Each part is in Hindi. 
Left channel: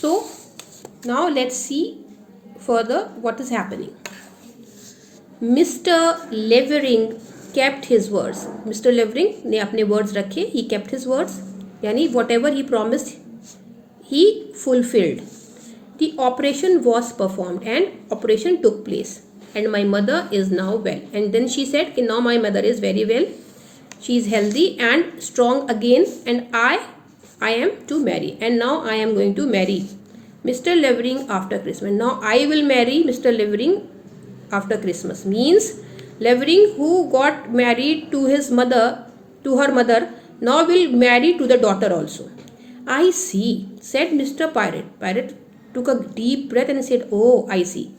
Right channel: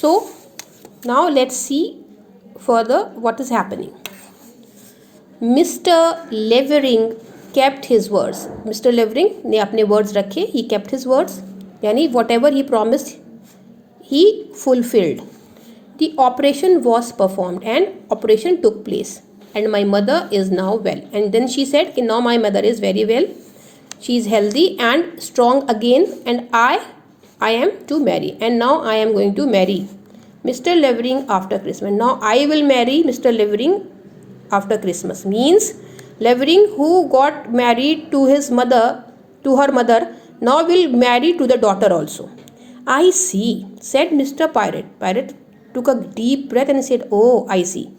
So now let's see further what is happening. Mr. Levering kept his words. Mr. Levering ने अपने words रखे. He kept his words. यानी whatever he promised, he fulfilled. The operation was performed and operation took place. And my mother is now well. And then she said, now my mother is very well. She is healthy and strong again. And I am to marry. And now I am going to marry Mr. Levering after Christmas. Now I will marry Mr. Levering after Christmas. Means Levering, who got married to his mother, to her mother, now will marry to the daughter also. I see, said Mr. Pirate. Pirate took a deep breath and said, oh, I see.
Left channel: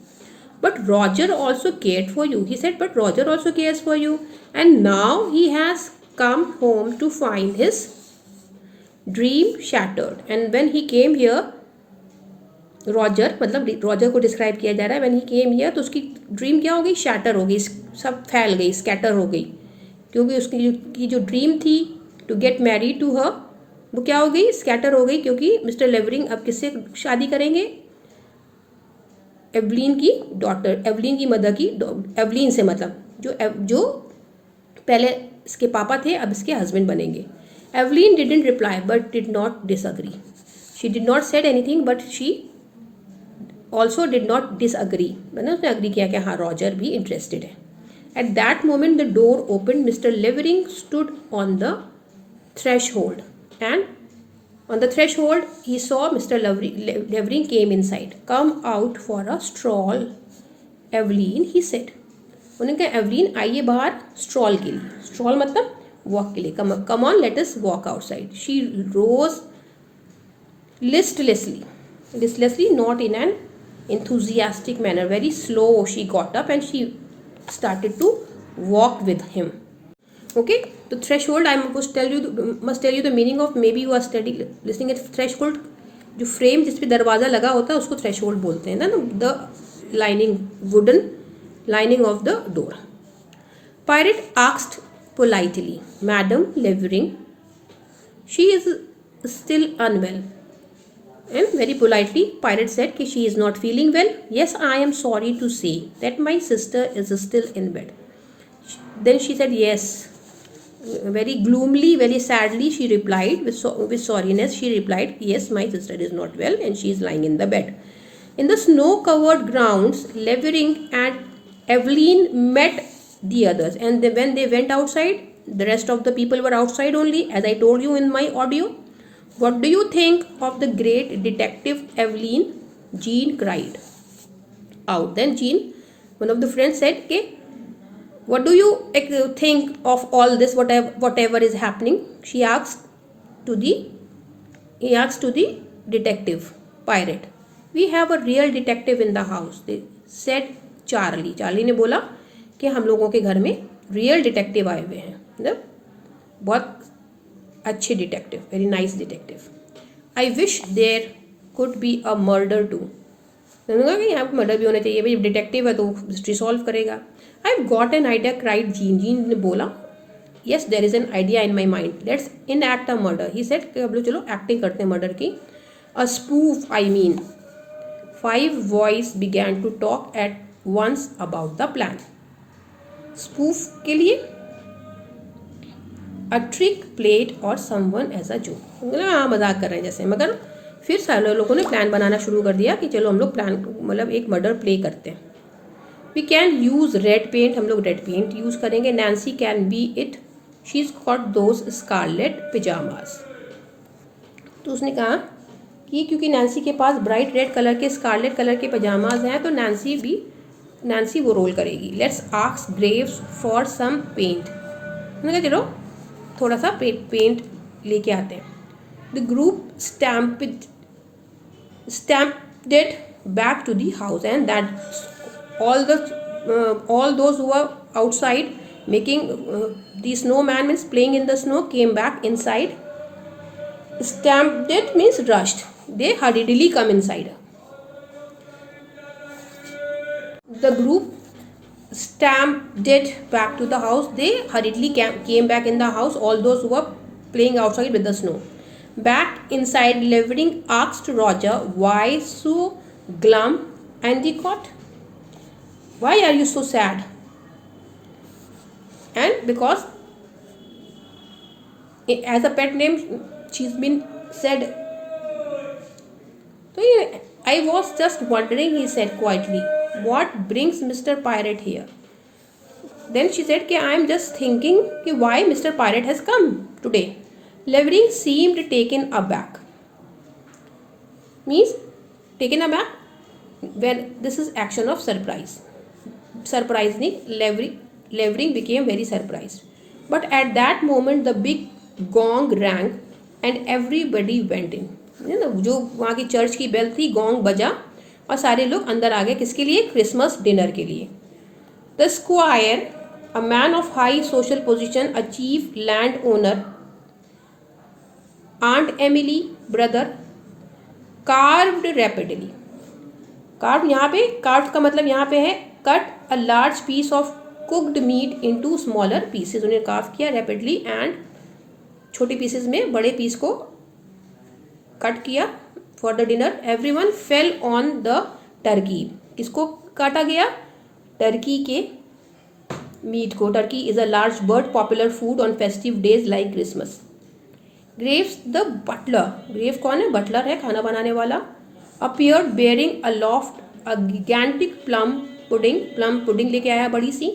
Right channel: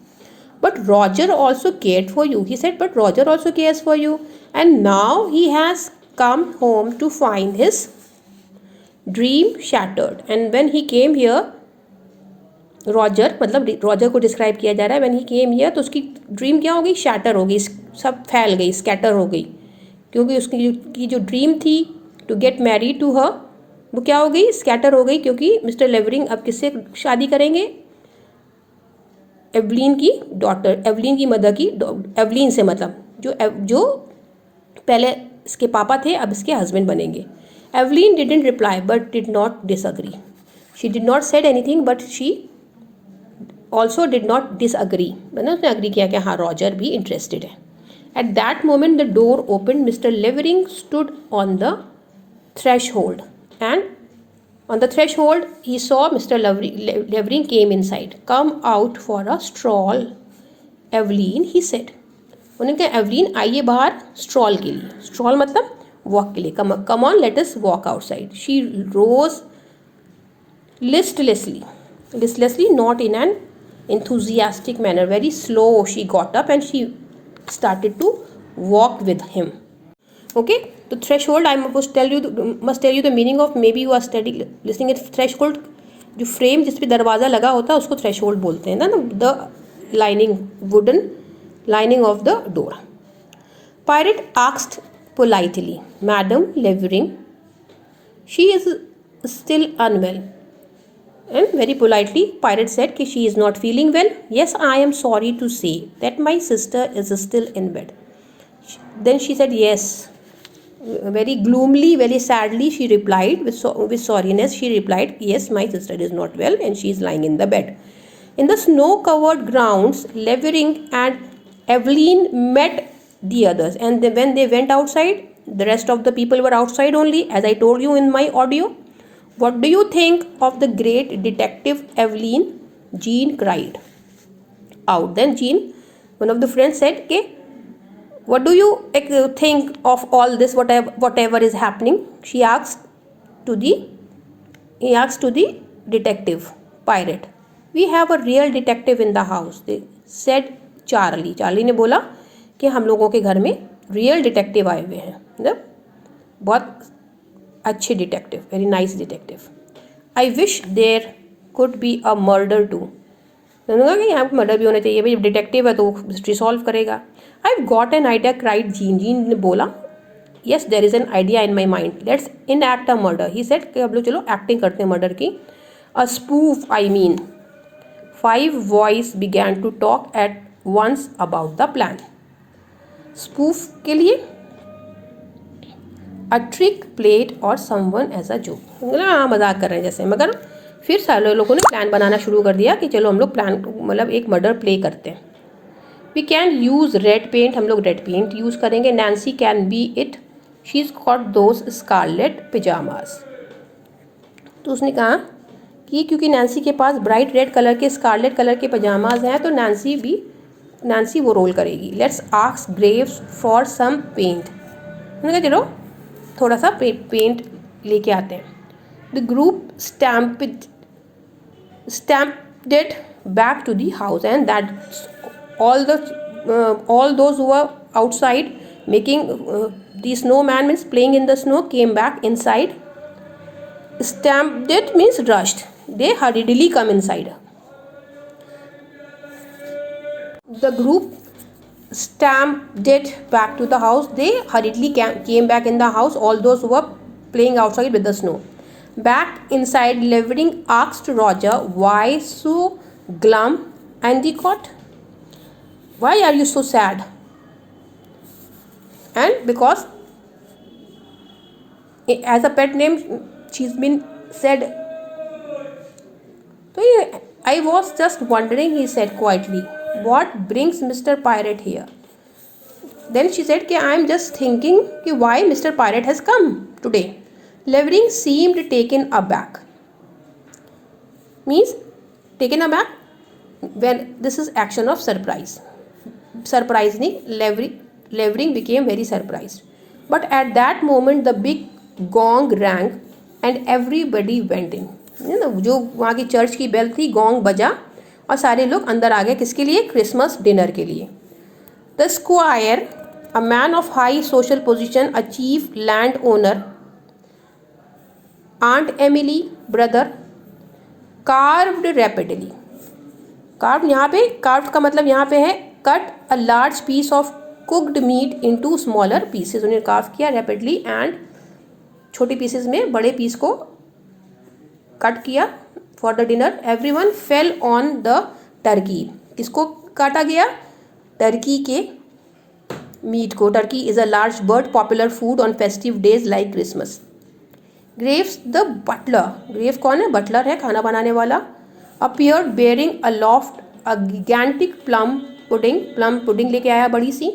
But Roger also cared for you. He said, but Roger also cares for you. And now he has come home to find his dream shattered. And when he came here, Roger, मतलब रॉजर को डिस्क्राइब किया जा रहा है. व्हेन ही केम हियर, तो उसकी ड्रीम क्या हो गई? शैटर हो गई, सब फैल गई, स्कैटर हो गई. क्योंकि उसकी जो ड्रीम थी to get married to her, वो क्या हो गई? स्कैटर हो गई. क्योंकि मिस्टर लेवरिंग अब किससे शादी करेंगे? एवलीन की डॉटर, एवलीन की मदर की, एवलीन से, मतलब जो पहले इसके पापा थे अब इसके हस्बैंड बनेंगे. Evelyn didn't reply but did not disagree. She did not said anything but she also did not disagree. मैंने उसने अग्री किया कि हाँ, रॉजर भी इंटरेस्टेड है. At that moment the door open. Mister Levering stood on the threshold and on the threshold he saw Mr. Levering came inside. Come out for a stroll, Evelyn, he said. उन्होंने कहा, एवलीन आइए बाहर स्ट्रॉल के लिए. स्ट्रॉल मतलब वॉक के लिए. Come on, let us walk outside. She rose listlessly, not in an enthusiastic manner. Very slow she got up and she started to walk with him. Okay, तो threshold I must tell you the meaning of. Maybe you are listening at threshold. जो फ्रेम जिस पे दरवाज़ा लगा होता है उसको थ्रेशोल्ड बोलते हैं ना. The lining, wooden lining of the door. Pirate asked politely, Madam Levering, she is still unwell. And very politely, Pirate said that she is not feeling well. Yes, I am sorry to say that my sister is still in bed. Then she said, yes. Very gloomily, very sadly, she replied, with sorriness, she replied, yes, my sister is not well and she is lying in the bed. In the snow-covered grounds, Levering and Evelyn met the others, and when they went outside, the rest of the people were outside only, as I told you in my audio. What do you think of the great detective Evelyn? Jean cried out. Then Jean, one of the friends, said, okay, what do you think of all this, whatever is happening? He asked to the detective Pirate. We have a real detective in the house, they said Charlie. Charlie ने बोला कि हम लोगों के घर में रियल डिटेक्टिव आए हुए हैं, मतलब बहुत अच्छे detective, very nice detective. I wish there could be a murder too. उन्होंने कहा कि यहाँ पर मर्डर भी होना चाहिए, भाई डिटेक्टिव है तो मिस्ट्री सॉल्व करेगा. I have got an idea, cried Jean. Jean ने बोला, yes there is an idea in my mind, let's enact a murder. He said कि अब लोग चलो एक्टिंग करते हैं मर्डर की. A spoof, I mean. 5 voice began to talk at once about the plan. Spoof के लिए a trick played or someone as a joke. हाँ, मजाक कर रहे हैं जैसे. मगर फिर सारे लोगों ने प्लान बनाना शुरू कर दिया कि चलो हम लोग प्लान, मतलब एक मर्डर प्ले करते हैं. We can use red paint. हम लोग रेड पेंट यूज़ करेंगे. Nancy can be it. She's got those scarlet pajamas. तो उसने कहा कि क्योंकि नैन्सी के पास ब्राइट रेड कलर के, स्कारलेट कलर के पजामाज हैं, तो नैन्सी वो रोल करेगी. Let's ask Graves for some paint. उन्होंने कहा चलो थोड़ा सा पेंट लेके आते हैं. The group stampeded back to the house, and that all those who were outside making the snowman, means playing in the snow, came back inside. Stampeded means rushed. They hurriedly come inside. The group stampeded back to the house. They hurriedly came back in the house, all those who were playing outside with the snow. Back inside, Levering asked Roger, why so glum? Endicott, why are you so sad? And because as a pet name she's been said. So I was just wondering, he said quietly, what brings Mr. Pirate here? Then she said, I am just thinking why Mr. Pirate has come today. Levering seemed taken aback. Means taken aback when this is action of surprise. Surprisingly, Levering became very surprised. But at that moment the big gong rang and everybody went in. जो वहाँ की चर्च की बेल थी, गोंग बजा और सारे लोग अंदर आ गए. किसके लिए? क्रिसमस डिनर के लिए. The square, a man of high social position, a chief landowner, Aunt Emily, brother, carved rapidly. Carved यहाँ पे, carved का मतलब यहाँ पे है cut a large piece of cooked meat into smaller pieces. उन्हें carve किया rapidly and छोटी pieces में बड़े piece को कट किया for the dinner. Everyone fell on the turkey. किसको काटा गया? टर्की के मीट को. Turkey is a large bird, popular food on festive days like Christmas. Graves the butler, Grave कौन है? बटलर है, खाना बनाने वाला. Appeared bearing aloft a gigantic plum pudding लेके आया बड़ी सी.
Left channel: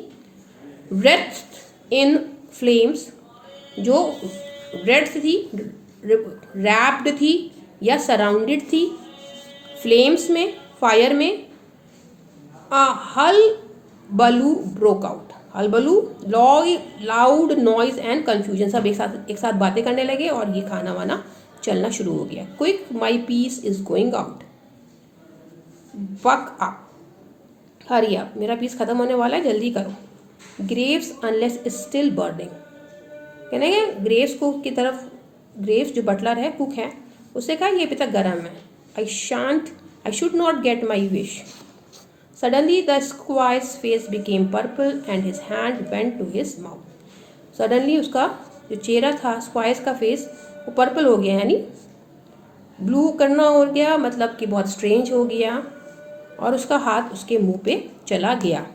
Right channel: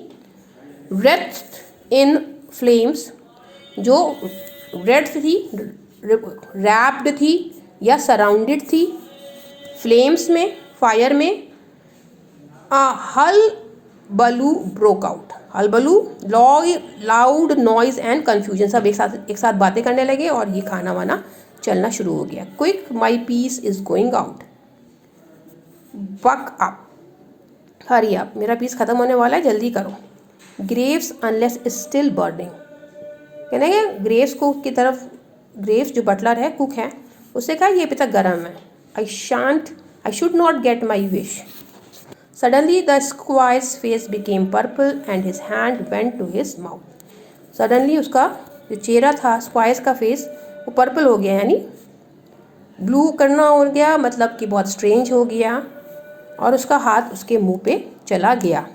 Wreathed in flames, जो wreathed थी, wrapped थी या सराउंडेड थी फ्लेम्स में, फायर में. Hullabaloo broke out. Hullabaloo, loud noise and confusion. सब एक साथ बातें करने लगे और ये खाना वाना चलना शुरू हो गया. Quick, my piece is going out. Buck up, hurry up, मेरा पीस खत्म होने वाला है, जल्दी करो. Graves unless still burning. कहने ग्रेव्स को की तरफ, ग्रेव्स जो बटलर है, कुक है, उसने कहा ये पिता गर्म है. I should not get my wish. Suddenly the squire's face became purple and his hand went to his mouth. Suddenly उसका जो चेहरा था, स्क्वायर्स का फेस, वो पर्पल हो गया, यानी ब्लू करना हो गया, मतलब कि बहुत स्ट्रेंज हो गया, और उसका हाथ उसके मुंह पे चला गया.